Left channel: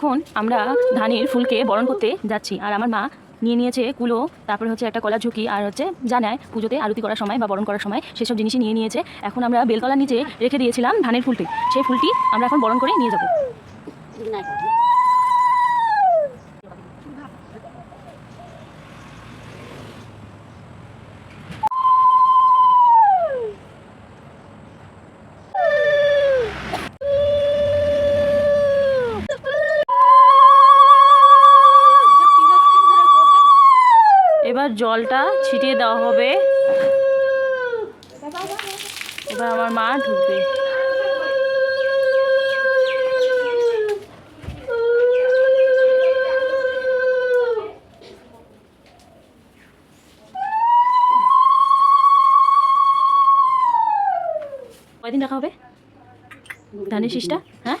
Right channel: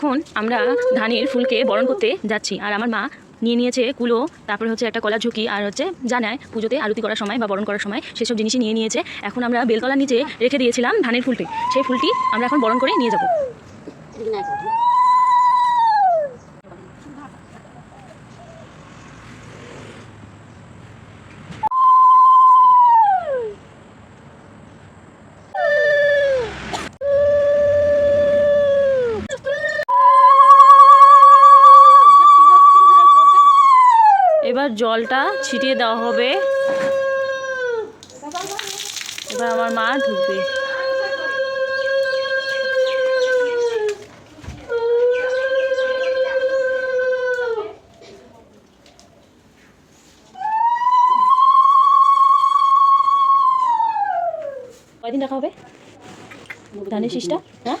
এখন আমরা ধানের ফুলকে বরণ করতে যাচ্ছি। আর আমার মা নিয়ে নিয়েছে কুলো, তারপরে হচ্ছে একটা কলার ঝুঁকি, আর হচ্ছে জানায় পুজোতে আরতি করার সময় বা বরণ করার সময় সেসব জিনিসই নিয়ে নিয়েছে। এখন আমরা বেলতলার নিচে রেখে দিয়েছিলাম ধানের ফুলটি, সেই ফুলটি আমরা এখন বরণ করে নিয়ে যাব। এবার জলটা ছিটিয়ে দেওয়া হবে। এবার আমার মা ঢুকবে। কয়দিন রাখা হবে ধানের শীষটা? হ্যাঁ,